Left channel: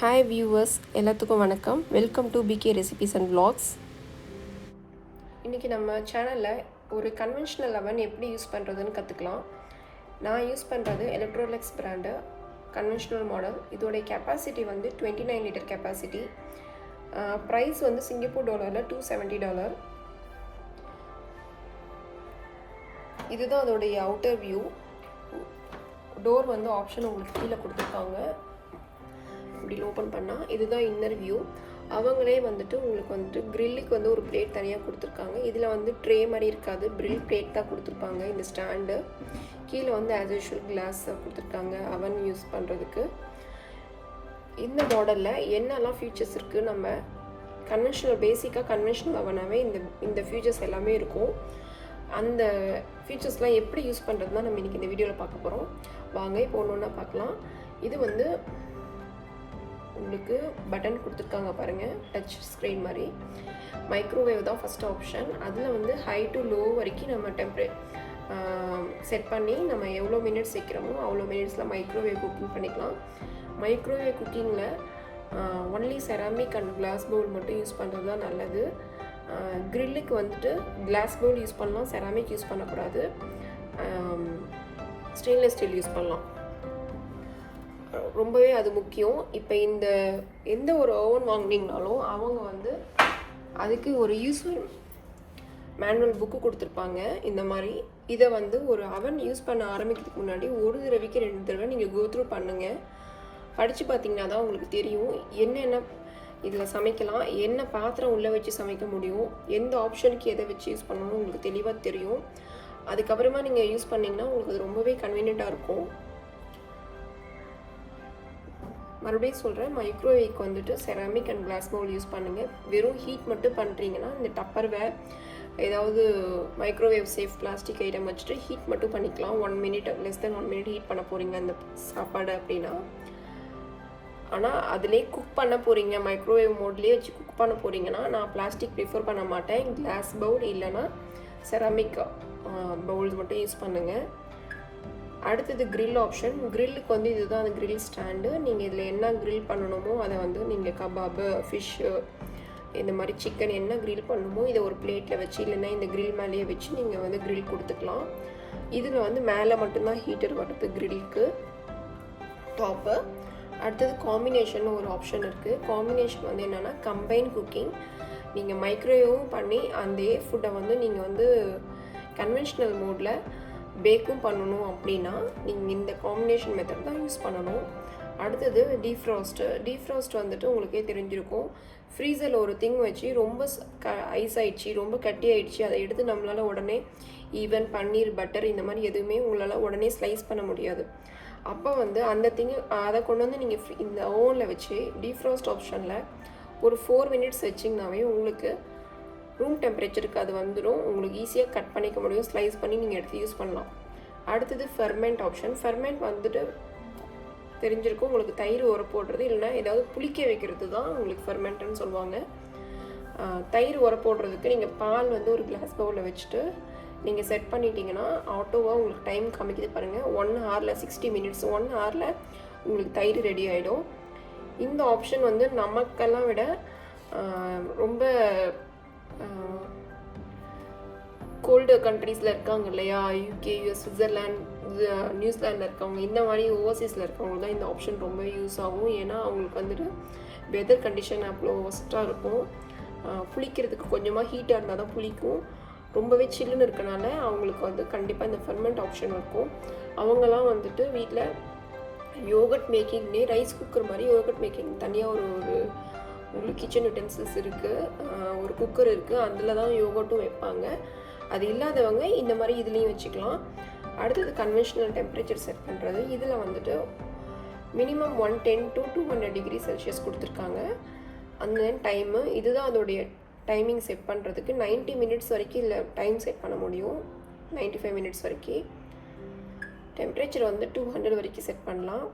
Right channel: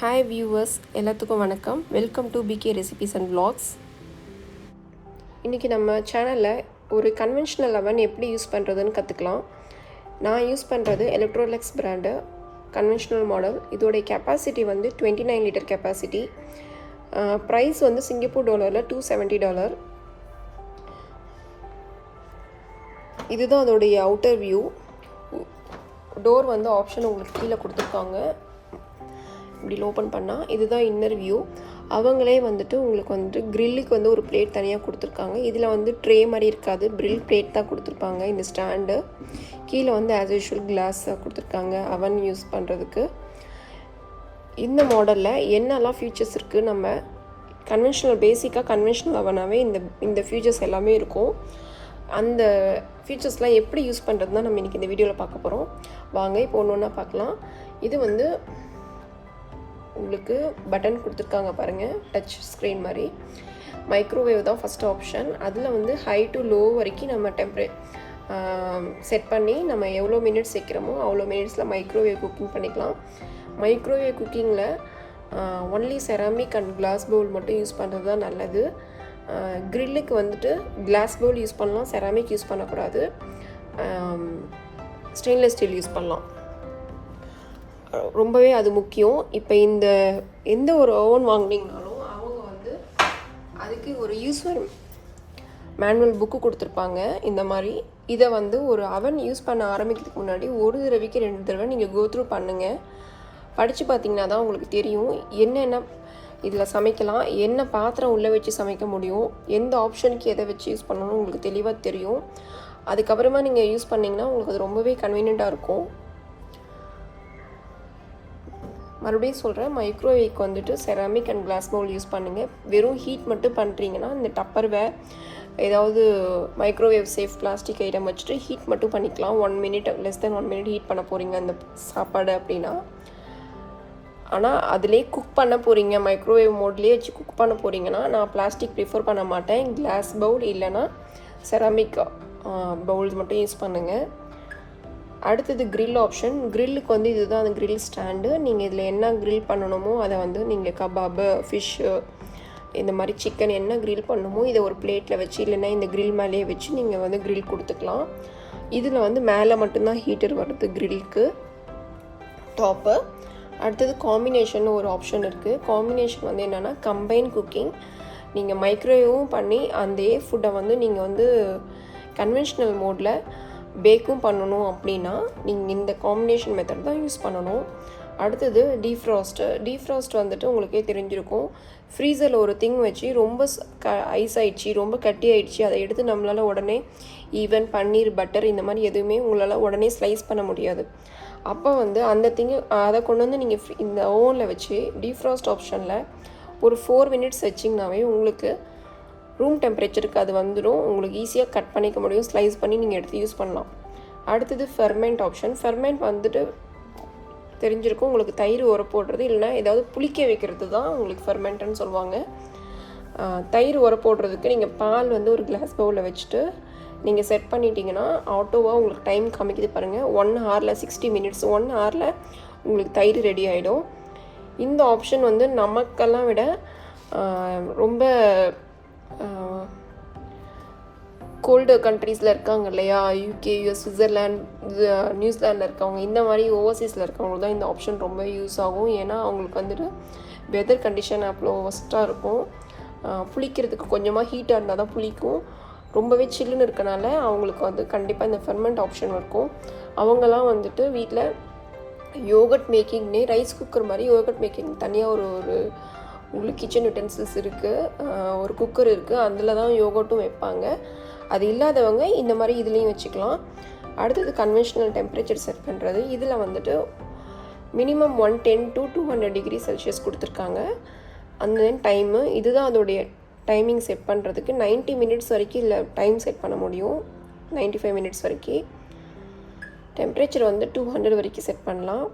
Hi viewers, எல்லாத்துக்கும் வணக்கம். Welcome to PK recipes and vlogs. இன்றைக்கி நம்ம சேனலில் ஒரு கன்வென்ஷனல் அவன் எப்படி யூஸ் பண்ணுறதுன்னு கற்றுக்கலாம். நான் யூஸ் பண்ணுறது எலக்ட்ரோலெக்ஸ் பிராண்டு கன்வென்ஷனல் மாடல். இதோடைய கெப்பாசிட்டி வந்து 29 லிட்டர் கெப்பாசிட்டி. ப்ரைஸ் வந்து சிங்கப்பூர் டாலரில் $270. இதுதான் அதோடைய அவுட்டர் வியூ. டோர் வந்து ஆப்ஷன் உங்களுக்கு கீழே கொடுத்துருக்காங்க. இப்படி ஓப்பன் பண்ணால் இதுதான் இன்னர் வியூ. அவங்களே வந்துட்டு உங்களுக்கு வந்துட்டு க்ரில்லுக்கு வந்து ஒரு பிளேட் தனியாக கொடுத்துருக்காங்க. இதில் வந்து ட்ரே மாதிரி இருக்காது, ப்ரில் பிளேட் தான் கொடுத்துருப்பாங்க. இந்த ஸ்டாண்டு கீழே வந்து ஆஸ் யூஷுவல் கிளாஸ் கொடுத்துருக்காங்க அவன் யூஸ் பண்ணுறதுக்கு. இந்த மாடலில் என்னெல்லாம் ஃபியூச்சர்ஸ் இருக்குது, நம்ம கன்வென்ஷனல் பேசிக்காக கன்வென்ஷனல் அவனாகவே இந்த ஃபியூச்சர்ஸ் எல்லாமே இருக்கும். அந்த ஃபியூச்சர்ஸ்லாம் எப்படி யூஸ் பண்ணுறது தான் நம்ம இன்றைக்கி இந்த வீடியோவில் பார்க்க போகிறோம். வாங்க இப்போ ஒன்று ஒன்றா பார்க்கலாம். இது வந்து உங்களுக்கு பட்டன் கொடுத்துருக்காங்க பாருங்கள், டச் ஸ்க்ரீன் மாதிரி. மைக்ரோவேவ் தான் ஃபஸ்ட் ஆப்ஷன். அதில் வந்து ஹை டு லோ வரைக்கும் நம்ம செட் பண்ணி நம்ம எவ்வளோ மினிட்ஸ் வைக்கிறோமோ அவ்வளோ மினிட்ஸில் மைக்ரோவேவ் குக்கிங் பண்ணிக்கலாம். மைக்ரோவேவ் குக்கிங்கில் only ceramic and glass bowl மட்டும் யூஸ் பண்ணுறது தான் நல்லது. க்ரில்லுக்கு வந்துட்டு கிளாஸ் பவுல் யூஸ் பண்ணலாம், செராமிக் யூஸ் பண்ணக்கூடாது. ஸ்டெயின்லெஸ் ஸ்டீல் யூஸ் பண்ணலாம். ரொம்பவே அது முக்கியம். இப்போ எந்த ஒரு ஓவன் வாங்கினீங்கனாலும் அவங்க வந்து அதுக்கு ஒரு யூஸ்ஃபுல் மேனுவல் புக்கு கொடுத்துருப்பாங்க. இந்த மாதிரி இதை வந்து ஒரு அவன் யூஸ் பண்ண ஆரம்பிக்கிறதுக்கு முன்னாடி ஒரு தடவைக்கு 2 தடவை நீங்கள் கோத்ரூ பண்ணுங்கள். படித்து பார்த்தீங்கன்னா தான் உங்களுக்கு தெரியும் என்னென்ன இதில் சமைக்கலாம், என்ன பாத்திரம் உள்ளே வச்சு சமைக்க முடியும், எந்த ஆப்ஷனுக்கு எதை வச்சு யூஸ் பண்ணணும் உங்களுக்கு தெளிவாக தெரியும். அதுக்கப்புறமா நீங்கள் யூஸ் பண்ணிங்கன்னா உங்களுக்கு அது ரொம்பவே கன்வீனியண்ட்டாக இருக்கும். மறுபடியும் சொல்கிறேன், மைக்ரோவேவ்க்கு வந்துட்டு ceramic and glass bowl use பண்ணுங்கள். வெறும் ஹீட் மட்டும் பண்ணுறீங்கன்னா இந்த டப்பர்வேர் ஏதாவது மைக்ரோவேவ் சேஃப் பிளாஸ்டிக் ஐட்டம் வச்சுட்டு ஹீட் மட்டும் பண்ணிக்கலாம். 1 minute less then 1 minute heat பண்ண போகிறீங்க அந்த சாப்பாடு அப்படின்னா. ஆனால் அதிலே குக் பண்ண போகிறீங்க, மைக்ரோவேவ் மோட்லேயே வச்சு குக் பண்ண போகிறீங்கன்னா நான் பிளாஸ்டிக் ப்ரிஃபர் பண்ண மாட்டேன். கிளாஸ் பவுல் இல்லைன்னா செராமிக் பவுல்ஸ் மட்டும் யூஸ் பண்ணுங்கள். அடுத்தது க்ரில் ஆப்ஷன். க்ரில்லுக்கு வந்து இதுதான் அந்த க்ரில் ஸ்டாண்டு. நீங்கள் இதில் என்ன க்ரில் பண்ணணுமோ அதை வந்து நீங்கள் கபாபு, ஃபிஷ்ஷு, இந்த மாதிரி சிக்கன் என்ன க்ரில் பண்ணணுமோ இதை ஒரு பிளேட்டில் வச்சு இல்லைன்னா இந்த க்ரில் மேலேயே வச்சு நீங்கள் வந்து க்ரில் கொடுத்துக்கலாம். இதில் வந்து மேலே மட்டும்தான் ஹீட்டர் வருது க்ரில்லுக்கு, டாப்பு. அடுத்தது காம்பினேஷன் ஒரு ஆப்ஷன் இருக்குது. காம்பினேஷன் வந்து என்னென்னா கம்பைன் குக்கிங். நீங்கள் மைக்ரோவேவும் பண்ணி அந்த ஃபுட்டை வந்து நீங்கள் வந்து கன்வென்ஷனல் மோடில் பேக்கும் பண்ணணும் அப்படின்னா நீங்கள் இந்த காம்பினேஷன் மெத்தட் தான் யூஸ் பண்ணணும். அடுத்தது டீஃப்ராஸ்ட் வந்துட்டு உங்களுக்கே தெரிஞ்சிருக்கும். ஃப்ரீசரில் ஒரு திங் வச்சு ரொம்ப ஐஸ் ஆயிடுச்சு, ரொம்ப கட்டி ஆயிடுச்சு, அதை எடுத்து நம்மளால் உடனே ஈவன் பன்னீர், பட்டர் இந்த மாதிரி எதுவுமே உங்களால் உடனே ஸ்லைஸ் பண்ண முடியாது. அப்போ வந்து அந்த அதை கொண்டு வந்து நீங்கள் இந்த ஓவனில் வச்சு டீஃப்ராஸ்ட் ஆப்ஷனில் ஒரு 4 மினிட்ஸ் வச்சிங்கனாவே உங்களுக்கு ரூம் டெம்பரேச்சருக்கு அது வந்துடும். உங்களுக்கு ஈஸியாக கட் பண்ணிக்க முடியும், ஸ்லைஸ் பண்ணி நீங்கள் எடுத்து யூஸ் பண்ணலாம். அடுத்தது ஃபெர்மெண்ட் ஆப்ஷன். ஃபெர்மெண்ட் வந்துட்டு தெரிஞ்சிருக்கும் உங்களுக்கு, தயிர் உர போடுறது இல்லைன்னா ஏதாவது புளிக்க வைக்கிறது தான் உங்களுக்கு ஃபெர்மெண்ட்டுன்னு சொல்லுவாங்க. தயிர் உர போடுறதுக்கு நீங்கள் பால் வந்து ஒரு கிளாஸ் பவுலில் வச்சுட்டு நீங்கள் செட் பண்ணிட்டீங்கன்னா ஆட்டோவாக உங்களுக்கு டைம் காமிக்குது பாருங்கள். 1 ஹவரில் 60 மினிட்ஸ், 1 ஹவரில் உங்களுக்கு தயிர் ரெடி ஆகிடும். இந்த ஆப்ஷன் வந்து நமக்கெல்லாம் விட ரொம்ப கோல்டு கண்ட்ரீஸில் இருக்காங்க இல்லையா, UK, US, சுவிட்சர்லாண்ட், நியூசிலாண்டில் இருக்கவங்க, இந்த மாதிரி ஓவர்சீஸில் இருக்கவங்க தான் இந்த ஆப்ஷன் ரொம்ப யூஸ் ஆகும். ஏன்னா அவங்களுக்கு வந்துட்டு வெதர் கண்டிஷன் அவ்வளோ ஒஸ்ட்டாக இருக்கும். புளிக்கிறதுக்கு கொஞ்சமாக ஹீட்டாக இருந்தால் தான் புளிக்கும். ரொம்பவே சில்லுன்னு இருக்கனால அவங்களுக்கு வந்து கண்டிப்பாக இந்த ஃபெர்மெண்ட் ஆப்ஷன் இருக்கும். அவங்கெல்லாம் வந்துட்டு வீட்டில் யோகட் மேக்கிங்னே ரைஸ் குக்கர் மாதிரி யோகட் மேக்கிங் தனியாக ஒரு உங்களுக்கு கிச்சன் யூட்டென்சில்ஸ் இருக்குது, ஒரு குக்கர் இருக்குது, அதில் தான் யோகட்டும் வைப்பாங்க. அது இல்லாதவங்க இந்த மாதிரி இதுலேயும் வச்சுக்கலாம். அடுத்தது கன்வென்ஷனல் டெம்பரேச்சர் செட் பண்ணுறது. இதில் வந்துட்டு மினிமம் 110 to 200 டிகிரி செல்சியஸ் கொடுத்துருக்காங்க. அந்த டைமு இதுதான் அதோடைய டைமிங் செட் பண்ணுறதுக்கு. 90 மினிட்ஸ் வரைக்கும் இல்லை டைம் செட் பண்ண முடியும், 95 மினிட்ஸ் வரைக்கும். டெம்பரேச்சர் வந்து 200 வரைக்கும் செட் பண்ணலாம்.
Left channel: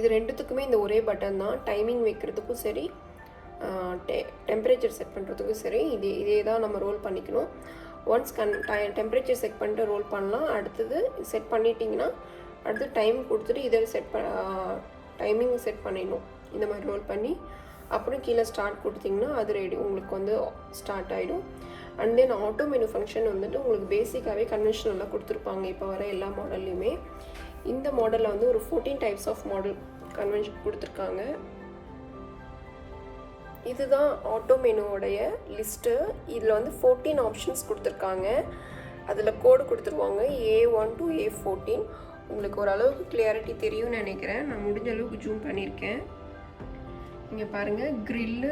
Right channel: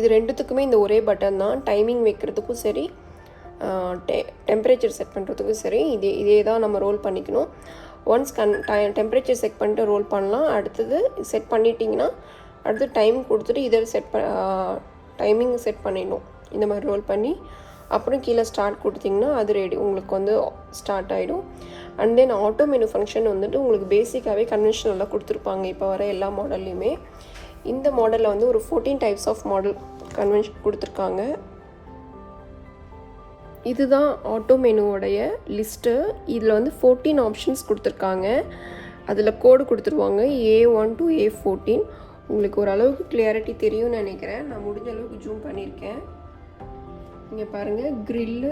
இது ரெண்டுத்துக்குமே இந்த ஒரே பட்டன் தான். டைமிங் வைக்கிறதுக்கும் சரி, டெம்பரேச்சர் செட் பண்ணுறதுக்கும் சரி இதே தான் நம்ம ரோல் பண்ணிக்கணும். ஒன்ஸ் டெம்பரேச்சர் செட் பண்ணிட்டு ரோல் பண்ணலாம். அடுத்தது செட் பண்ணிட்டீங்கன்னா அடுத்து டைம் கொடுத்துட்டு இதை டைமிங் செட் பண்ணிடணும். இந்த மாதிரி ரோல் பண்ணி அப்புறம் கீழே ஸ்டார்ட் கொடுத்திங்கன்னா அது ரெடி உங்களுக்கு வந்து ஸ்டார்ட் ஆகிடும். And then auto menu function வந்துட்டு உங்களுக்கு பேசிக்காகவே கன்வென்ஷனலாக கொடுத்துருப்பாங்க இப்போ வர எல்லா மாடல்லையுமே. இந்த மாடலில் வந்து ஒரு 14 டைப்ஸ் ஆஃப் மாடல் கன்வென்ஷன் கொடுத்துருக்காங்க. இதுதான் ஆட்டோ மெனுவோடைய லிஸ்ட்டு. இதில் வந்து 14 ஆப்ஷன்ஸ் கொடுத்துருக்காங்க. அதில் கோடு கொடுத்துருவாங்க A1 to A14. உங்களுக்கு ஓரளவுக்கு கிளியாரிட்டி தெரியும்னு நினைக்கிறேன். நான் முடிஞ்ச அளவுக்கு ஜூம் பண்ணியிருக்கேன். இங்கே பாருங்கள், கிரில்டு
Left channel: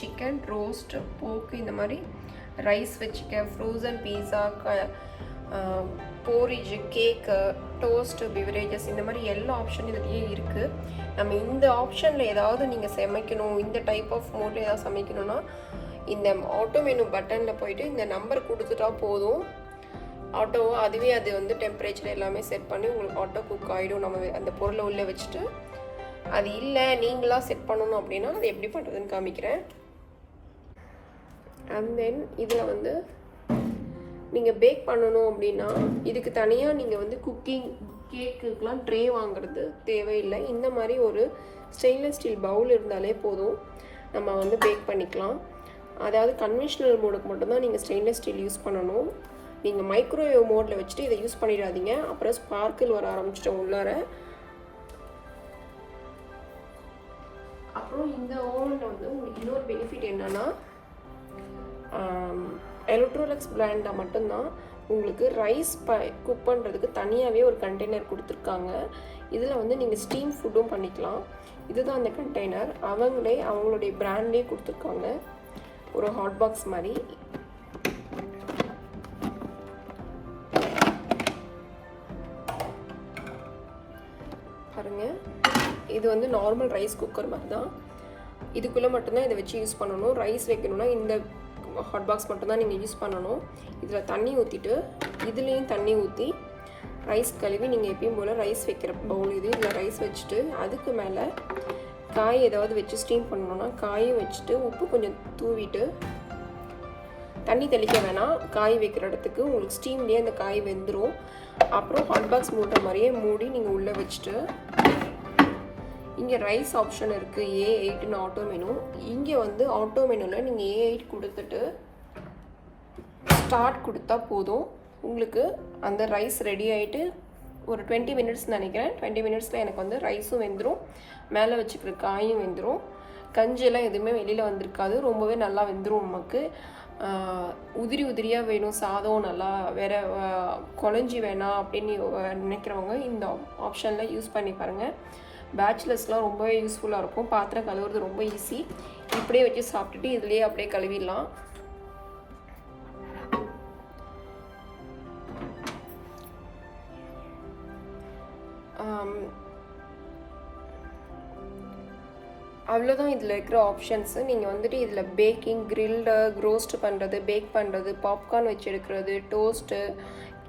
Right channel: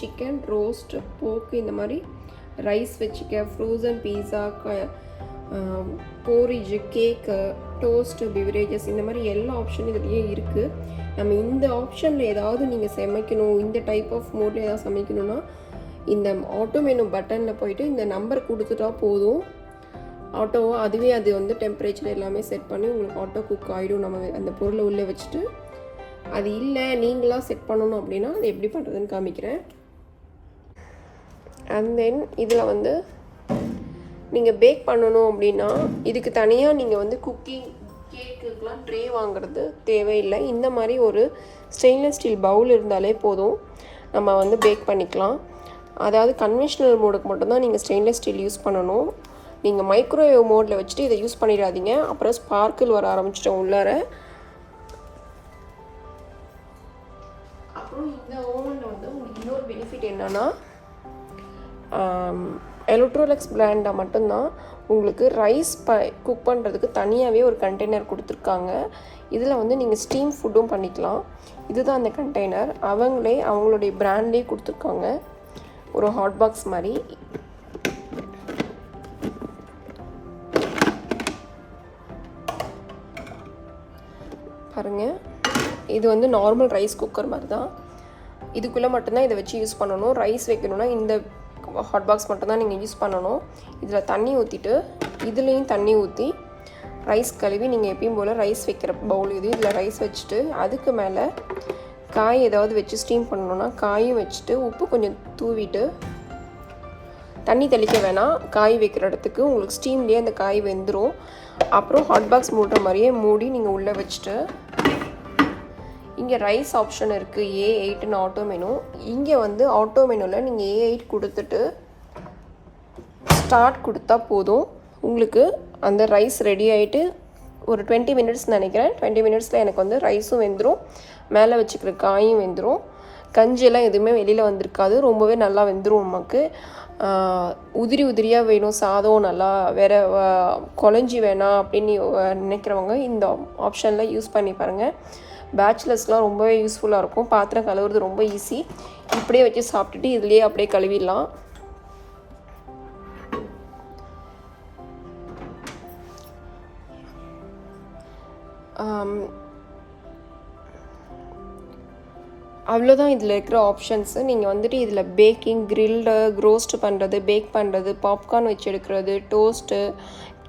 சிக்கன், ரோஸ்ட், போக்கு, இந்த மாதிரி ரைஸ் வச்சுக்க, ஃப்ரோசன் பீஸா, போரிஜு, கேக்கு, டோஸ்ட்டு, பிவரேஜஸ், இந்த மாதிரி எல்லா ஆப்ஷனும் இதுலேயே இருக்குது. நம்ம இந்த ஆப்ஷனில் ஏதாவது நீங்கள் சமைக்கணும், இந்த டைப் ஆஃப் மோடில் ஏதாவது சமைக்கணும்னா இந்த ஆட்டோ மெனு பட்டனில் போயிட்டு இந்த நம்பர் கொடுத்துட்டா போதும். ஆட்டோவாக அதுவே அது வந்து டெம்பரேச்சர் எல்லாமே செட் பண்ணி உங்களுக்கு ஆட்டோ குக் ஆகிடும். நம்ம அந்த பொருளை உள்ளே வச்சுட்டு, அது இல்லை நீங்களாக செட் பண்ணணும் அப்படின்னா அது எப்படி பண்ணுறதுன்னு காமிக்கிறேன். அண்ட் தென் இதில் வந்து நீங்கள் பேக் பண்ணணும் அப்படின்னா இதுக்கு தனியாக நீங்கள் வந்து குக்கிங் கேக்குக்கெலாம் ட்ரே வாங்குறது தேவையில்லை. இந்த மாதிரி ஒரு ஸ்டெயின்லெஸ் ஸ்டீல் பவுல் இருந்தாலே போதும், நம்ம வந்து பேக் பண்ணிக்கலாம். அதாவது கன்வென்ஷனல் மோடுக்கு மட்டும்தான் நீங்கள் ஸ்டெயின்லெஸ் ஸ்டீல் யூஸ் பண்ணணும். நீங்கள் மைக்ரோவேவ் மோடில் வச்சுட்டு இதை யூஸ் பண்ணிடாதீங்க, அப்புறம் ஸ்பார்க்கிள் வர ஆரம்பிச்சிட்டோம் உள்ளார. அப்புறம் இந்த ஓவனில் வந்து உங்களுக்கு இன்னொரு பெனிஃபிட் என்னென்னா, எலக்ட்ரோலெக்ஸ் பிராண்டில் மட்டும்தான் உங்களுக்கு ரைஸ் குக் பண்ணுறதுக்கு தனியாகவே ஒரு கண்டெய்னர் கொடுத்துருக்காங்க. இதில் வந்து நீங்கள் ஸ்டீம் ஃபுட்டும் பண்ணிக்கலாம். இதுதான் அந்த கண்டெய்னர். அவங்களுடைய பிராண்டே கொடுத்துருக்காங்க, ஒரு ஹாட் பாக்ஸ் மாதிரி. பாருங்கள், இது வந்து நார்மல் ரைஸ் குக்கர் மாதிரி தான். இதுக்குள்ளே மட்டும்தான் இதை வச்சு யூஸ் பண்ணணும். ரைஸ் வைக்கணும்னா இந்த ஹாட் பாக்ஸ் மட்டும்தான் நீங்கள் யூஸ் பண்ணணும். இதில் தண்ணி ஊற்றிட்டு இதுலேயும் தண்ணி ஊற்றி ரைஸ் கழுவி நீங்கள் எப்பயும் போல் ரைஸ் வைக்கிற பவுல் இதில் ரைஸ் வச்சுட்டு அதுக்கு மேலே காய் ஏதாவது வச்சு ஸ்டீம் பண்ணணுன்னா காயும் வச்சுட்டு உப்பு கொஞ்சம் தூவிட்டு, தண்ணி தெளிக்க வேணாம், காய் வைக்கிற இடத்துக்கு உங்களுக்கு ஸ்டீம்லேயே அந்த காய் வெந்துடும். அப்புறம் ஹாட் பாக்ஸ் மூடுற மாதிரியே மூடி நீங்கள் உள்ளே வச்சுட்டு, இங்கே ரைஸ் ஆப்ஷன் இருக்குது, A8ன்னு ஆட்டோ மெனு. இங்கே வந்து ஆட்டோ மெனுவில் நீங்கள் A8 கொடுத்துட்டு ஸ்டார்ட் கொடுத்தா போதும், உங்களுக்கு அந்த ரைஸ் ரெடி ஆகிட்டு ஒரு 20 மினிட்ஸ் நினைக்கிறேன். 20 மினிட்ஸில் எனக்கு வந்து ரைஸும் வெந்துடும், மேலே வச்சுக்கிற காயும் வெந்துடும். கஞ்சியெல்லாம் எதுவுமே வெளியில் வந்திருக்காது, ரொம்பவே நல்லா வெந்துடும். நமக்கு உதிரி உதிரியாக வேணும் சாதம், நல்லா வேறு குழஞ்சி வேணாம் அப்படின்னு நினைக்கிறவங்க இந்த ஆப்ஷனில் யூஸ் பண்ணி பாருங்கள். பேச்சுலர்ஸ்லாம் ரொம்பவே யூஸ்ஃபுல்லாக இருக்கும். பாத்திரம் கழுவுறது ரொம்ப ஈஸி. இப்படியே வச்சு சாப்பிட்டுட்டு இதுலேயே அப்படியே கழுவிடலாம். அவ்வளோதான் இதில் இருக்கிற ஆப்ஷன்ஸு. நீங்கள் வந்துட்டு இதில் பேக்கிங், கிரில்டு, ரோஸ்ட் பண்ணுறது, பேக் பண்ணுறது, பாப்கார்ன் வச்சு எடுக்கிறது, டோஸ்ட்டு,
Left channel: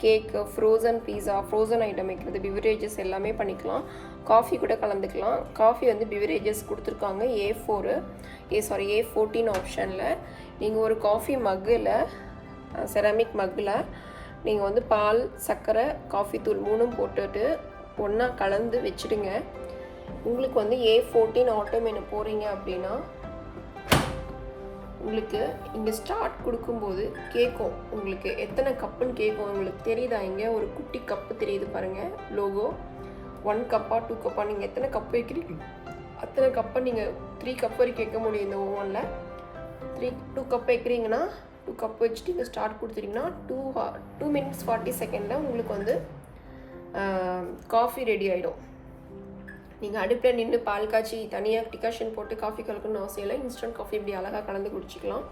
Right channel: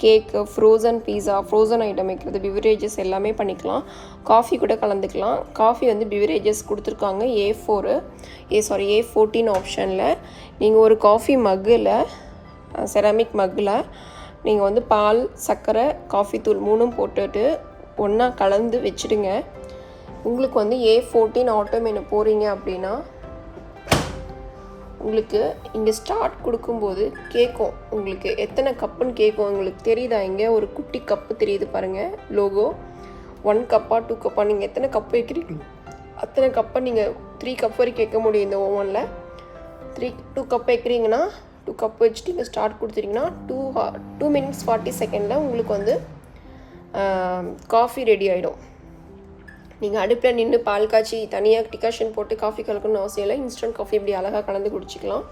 கேக்கு, ஃப்ரோசன் பீஸா, ஃப்ரோசன் ஐட்டம் வைக்கிறது, பிவரேஜஸ் எல்லாமே பண்ணிக்கலாம். காஃபி கூட கலந்துக்கலாம். காஃபி வந்து பிவரேஜஸ் கொடுத்துருக்காங்க A14 ஆப்ஷனில். நீங்கள் ஒரு காஃபி மக்கில், செராமிக் மக்கில் நீங்கள் வந்து பால், சர்க்கரை, காஃபி தூள் 3ம் போட்டுட்டு ஒன்றா கலந்து வச்சுடுங்க. உங்களுக்கு வந்து A14 ஆட்டோ மெனு போகிறீங்க அப்படின்னா உங்களுக்கு இங்கே ஸ்டார்ட் கொடுக்கும்போது கேட்கும், உங்களுக்கு எத்தனை கப்புன்னு கேட்கும். உங்களுக்கு தெரியுதா? இங்கே ஒரு குட்டி கப்பு தெரியுது பாருங்கள், லோகோ. 1 கப்பா 2 கப்பா, நீங்கள் எத்தனை கப்பு வைக்கிறீங்க அத்தனை கப்பை நீங்கள் 3 கப் வரைக்கும் கேட்க முடியும் இந்த ஓவனில். 2 கப் வைக்கிறீங்கன்னா 2 கப் வச்சுட்டு நீங்கள் ஸ்டார்ட் கொடுத்துட்டிங்கன்னா 2 minutes 40 செகண்டில் உங்களுக்கு வந்து காஃபி ரெடி ஆகிடும். நீங்கள் அடுப்பில் நின்று பால் காய்ச்சி தனியாக டிகாஷன் போட்டு காஃபி கலக்கணும்னு அவசியம் இல்லை. இன்ஸ்டன்ட் காஃபி இப்படி அழகாக கலந்து குடிச்சிக்கலாம்.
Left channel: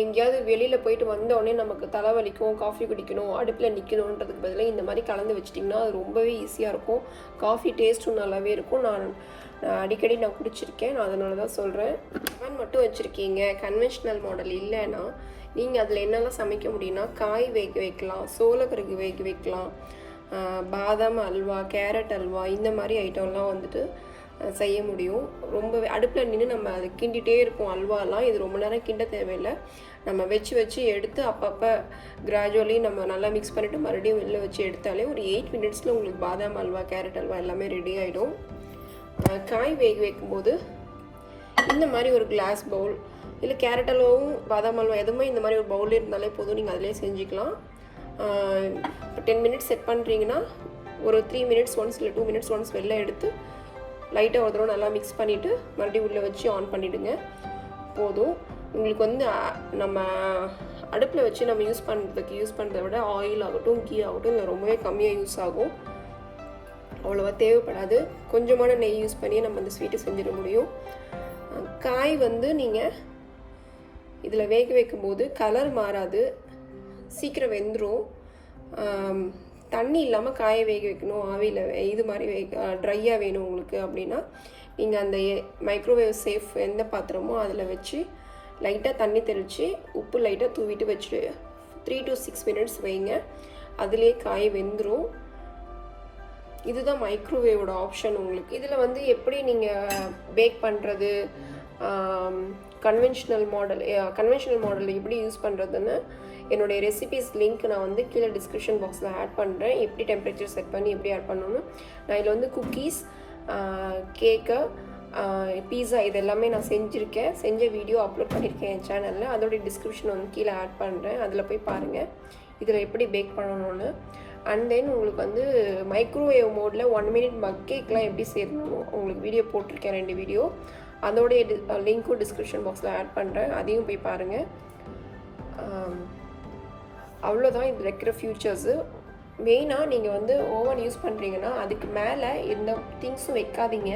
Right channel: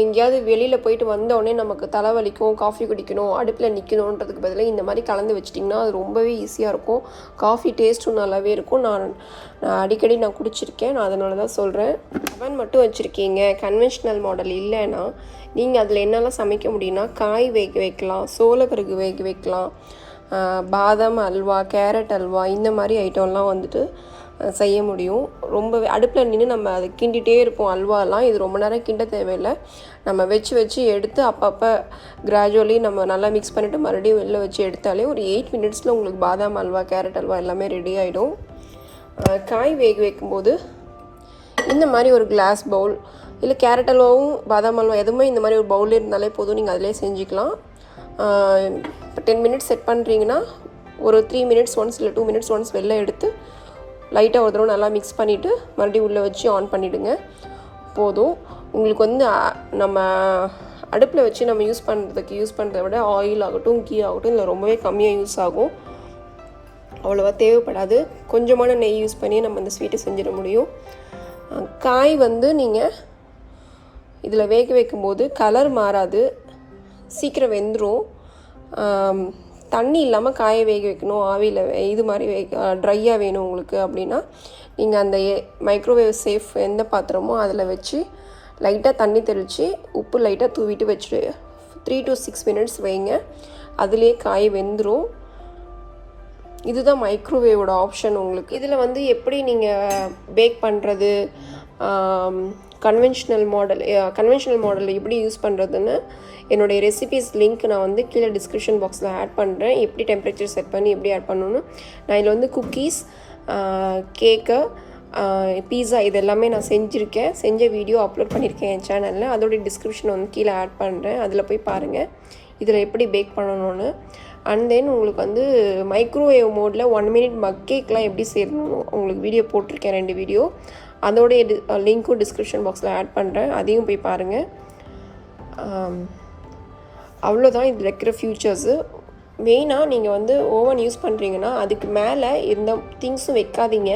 எங்கேயாவது வெளியில் போயிட்டு வந்தோடனே நமக்கு தலைவலிக்கும், காஃபி குடிக்கணும், அடுப்பில் நிற்கணுன்றதுக்கு பதிலாக இந்த மாதிரி கலந்து வச்சிட்டிங்கன்னா அது ரொம்பவே ஈஸியாக இருக்கும். காஃபி டேஸ்ட்டும் நல்லாவே இருக்கும். நான் அடிக்கடி குடிச்சிருக்கேன், நான் அதனால தான் சொல்கிறேன். அவன் மட்டும் வச்சுருக்கீங்க, கன்வென்ஷனல் மாடல் இல்லைன்னா நீங்கள் அதில் என்னெல்லாம் சமைக்க முடியும்னா காய் வேக வைக்கலாம், சோளக்கருகு வேக வைக்கலாம், பாதாம் அல்வா, கேரட் அல்வா, இந்த மாதிரி ஐட்டம்லாம் வந்துட்டு செய்ய முடியும். ரொம்ப அடுப்பில் நின்று நம்ம அதை கிண்டிகிட்டே இருப்போம் அல்வாலாம். இது ரொம்ப நேரம் கிண்ட தேவையில்லை. நம்ம வச்சு எடுத்து அப்பப்போ கிராஜுவலி நம்ம நல்லா மிக்ஸ் பண்ணிவிட்டு மறுபடியும் வெளில வச்சு எடுத்தாலே ஒரு 8 மினிட்ஸில் உங்களுக்கு பாதாம் அல்வா, கேரட் அல்வா எல்லாமே ரெடி ஆகிடும். காய் வேக வைக்கும்போது இந்த மாதிரி ஒரு கிளாஸ் பவுல், இல்லை கேரட் அல்வாவும் பாதாம் அல்வா எதுவுமே இந்த மாதிரி ஒரு பவுல் இருந்தாலே போதும், நீங்கள் அதிலே செஞ்சுக்கலாம். இப்போ 10 மினிட்ஸ் செட் பண்ணுறீங்கன்னா ஒரு 3 மினிட்ஸ் ஒன்ஸ் இல்லை 2 மினிட்ஸ் ஒன்ஸ் வெளில எடுத்து லைட்டாக ஒரு தடவை நல்லா மிக்ஸ் பண்ணிவிட்டு மறுபடியும் உள்ளே வச்சு ஆன் பண்ணிவிடுங்க. போதும். உங்களுக்கு வந்து நம்ம அடுப்பில் வச்சு நம்ம யூஸ் பண்ணுறதை விட ஆயில் ஆகட்டும், கீ ஆகட்டும் இதில் ரொம்பவே கம்மியாக யூஸ் ஆகும். அவ்வளோவா தேவைப்படாது. கொஞ்சமான நெய் யூஸ் பண்ணி நம்ம இந்த ஸ்வீட்டை செஞ்சிட முடியும். காய் வந்து நீங்கள் இதில் வேக வைக்கும்போது கலர் மாறாது, சீக்கிரம் வெந்துடும். தண்ணி இல்லாமல் காயை வேக வைக்கணும், ஆவியில் இது மாதிரி ட்ரையாக வேணும் உங்களுக்கு அப்படின்னா நீங்கள் அந்த மைக்ரோவேவ் சேஃப் எந்த பாத்திரமோ அதில் வச்சு லைட்டாக தண்ணி தெளித்து உப்பு லைட்டாக தூவிட்டு வச்சுட்டு 3 to 6 மினிட்ஸ் வைங்க. அதுலேயே காய் வெந்துடும். இதுதான் மைக்ரோவேவோட ஆப்ஷன் உங்களுக்கு. இதில் வந்து எப்படி நீங்கள் பேக் பண்ணுறது, கன்வென்ஷனல் மாடல் எப்படி யூஸ் பண்ணுறதுன்னு என்னுடைய ரெசிபீஸ் லிங்க் நான் வந்து கீழே டிஸ்கிரிப்ஷன் பாக்ஸில் ஆட் பண்ணுறேன். எப்படி டெம்பரேச்சர் செட் பண்ணி எப்படி ஆட் பண்ணணும்னு. நான் இதில் வந்து குக்கீஸ், கேக்கு, பீஸா இது எல்லாமே நான் செஞ்ச வீடியோ அப்லோட் பண்ணியிருக்கேன் என் சேனலில். அதோடைய டிஸ்கிரிப்ஷன் வந்து கீழே ஆட் பண்ணுறேன், அதில் போய் பாருங்கள் இதில் எப்படி பேக் பண்ணணும்னு. அண்ட் தென் உங்களுக்கு வந்து மைக்ரோவேவ் மோடில் 1 மினிட் மக் கேக்லாம் எப்படி செய்யணும் உங்களுக்கு வீடியோ போட்டிருக்கேன், 2 வீடியோ. அதோடைய லிங்க்கும் டிஸ்கிரிப்ஷன் பாக்ஸில் ஆட் பண்ணுறேன், அதையும் போய் பாருங்கள். அவ்வளோதான் இதில் இருக்கிற ஃபியூச்சர்ஸு. மெயினாக நீங்கள் வந்து ஓவன் யூஸ் பண்ணுறீங்கன்னா அதுக்கு மேலே எந்த திங்ஸும் வைக்காதீங்க.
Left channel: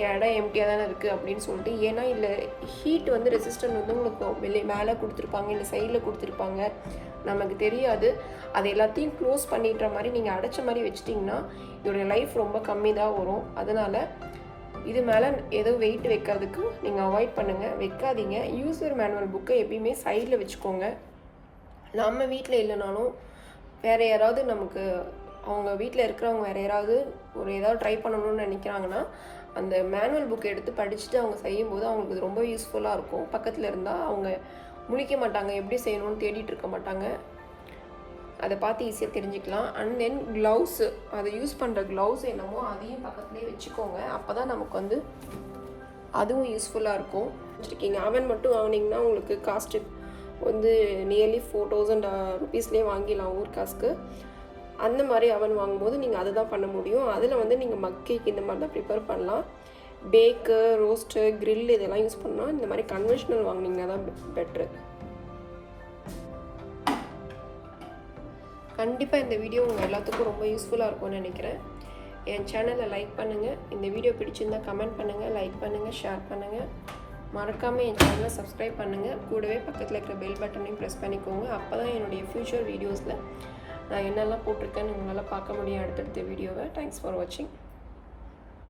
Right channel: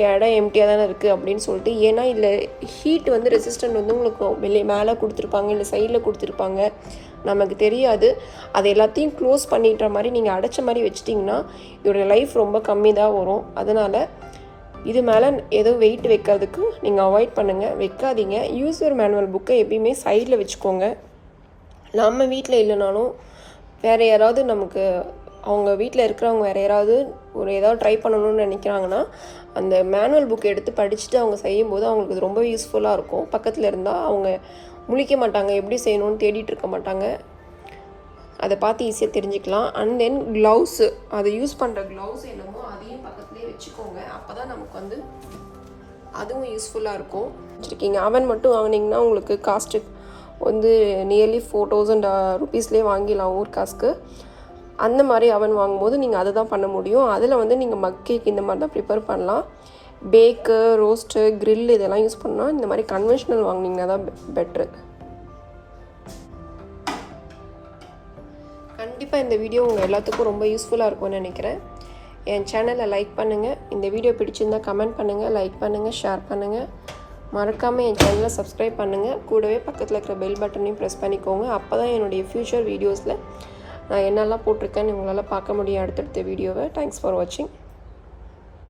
இடம் எம்டியாக தானே இருக்குது அப்படின்னு சொல்லிட்டு. ஏன்னா இதில் ஹீட் வந்து ரெசிஸ்டன்ட் வந்து உங்களுக்கு மேலே கொடுத்துருப்பாங்க, இல்லை சைடில் கொடுத்துருப்பாங்க, நமக்கு தெரியாது. அது எல்லாத்தையும் க்ளோஸ் பண்ணிடுற மாதிரி நீங்கள் அடைச்ச மாதிரி வச்சிட்டிங்கன்னா இதோடைய லைஃப் ரொம்ப கம்மி தான் வரும். அதனால் இது மேலே எதுவும் வெயிட் வைக்கிறதுக்கு நீங்கள் அவாய்ட் பண்ணுங்கள், வைக்காதீங்க. யூசர் மேனுவல் புக்கை எப்பயுமே சைடில் வச்சுக்கோங்க. நம்ம வீட்டில் இல்லைனாலும் வேறு யாராவது நமக்கு அவங்க வீட்டில் இருக்கிறவங்க வேறு யாராவது ஏதாவது ட்ரை பண்ணணும்னு நினைக்கிறாங்கன்னா அந்த மேனுவல் புக்கை எடுத்து படிச்சுட்டு அவங்க செய்யும்போது அவங்களுக்கு இது ரொம்ப யூஸ்ஃபுல்லாக இருக்கும். பக்கத்தில் இருந்தால் அவங்க முழிக்க மாட்டாங்க, எப்படி செய்யணும்னு தேடிட்டு இருக்க மாட்டாங்க, அதை பார்த்து ஈஸியாக தெரிஞ்சுக்கலாம். அண்ட் தென் க்ளவுஸு, அதை யூஸ் பண்ணுற க்ளவுஸ் என்னமோ அதையும் பக்கத்துலேயே வச்சுக்கோங்க. அப்போ தான் நமக்கு வந்து அதுவும் யூஸ்ஃபுல்லாக இருக்கும். வச்சுருக்கீங்க அவன் மட்டும் வாங்கினீங்கன்னா உங்களுக்கு காஸ்ட்டு வந்து நியர்லி 4000 ருபீஸ்லேயே வாங்கிடலாம் ஊர் காசுக்கு. அந்த மாதிரி அவன் வாங்கும்போது நீங்கள் அதை தான் பண்ண முடியும். அதில் வந்து நீங்கள் மக் கேக் இந்த மாதிரி தான் ப்ரிப்பேர் பண்ணலாம். பேக்கு, ரோஸ்ட்டு, க்ரில் இதெல்லாம் யூஸ் பண்ணால் இந்த மாதிரி கன்வென்ஷனல் வாங்கினீங்கன்னா தான் பெட்ரு. கண்டிப்பாக இந்த வீடியோ உங்கள் எல்லாத்துக்கும் ரொம்ப யூஸ்ஃபுல்லாக இருக்கும்னு நினைக்கிறேன். என் சேனலை லைக் பண்ணுங்கள். இந்த வீடியோ பிடிச்சிருந்தால் கமெண்ட் பண்ணுங்கள், லைக் பண்ணுங்கள், ஷேர் பண்ணுங்கள். மறக்காமல் என் சேனலை சப்ஸ்கிரைப் பண்ணுங்கள். கூடவே பக்கத்தில் இருக்கிற பெல் பட்டனையும் ப்ரெஸ் பண்ணிக்கோங்க. அப்போ தான் என்னுடைய ஃப்யூச்சர் வீடியோஸில் நான் என்னெல்லாம் போட்டிருக்கேன்னு உங்களால் பார்க்க முடியும் அடுத்தடுத்த வீடியோவை. தேங்க்ஸ் ஃபார் வாட்சிங்.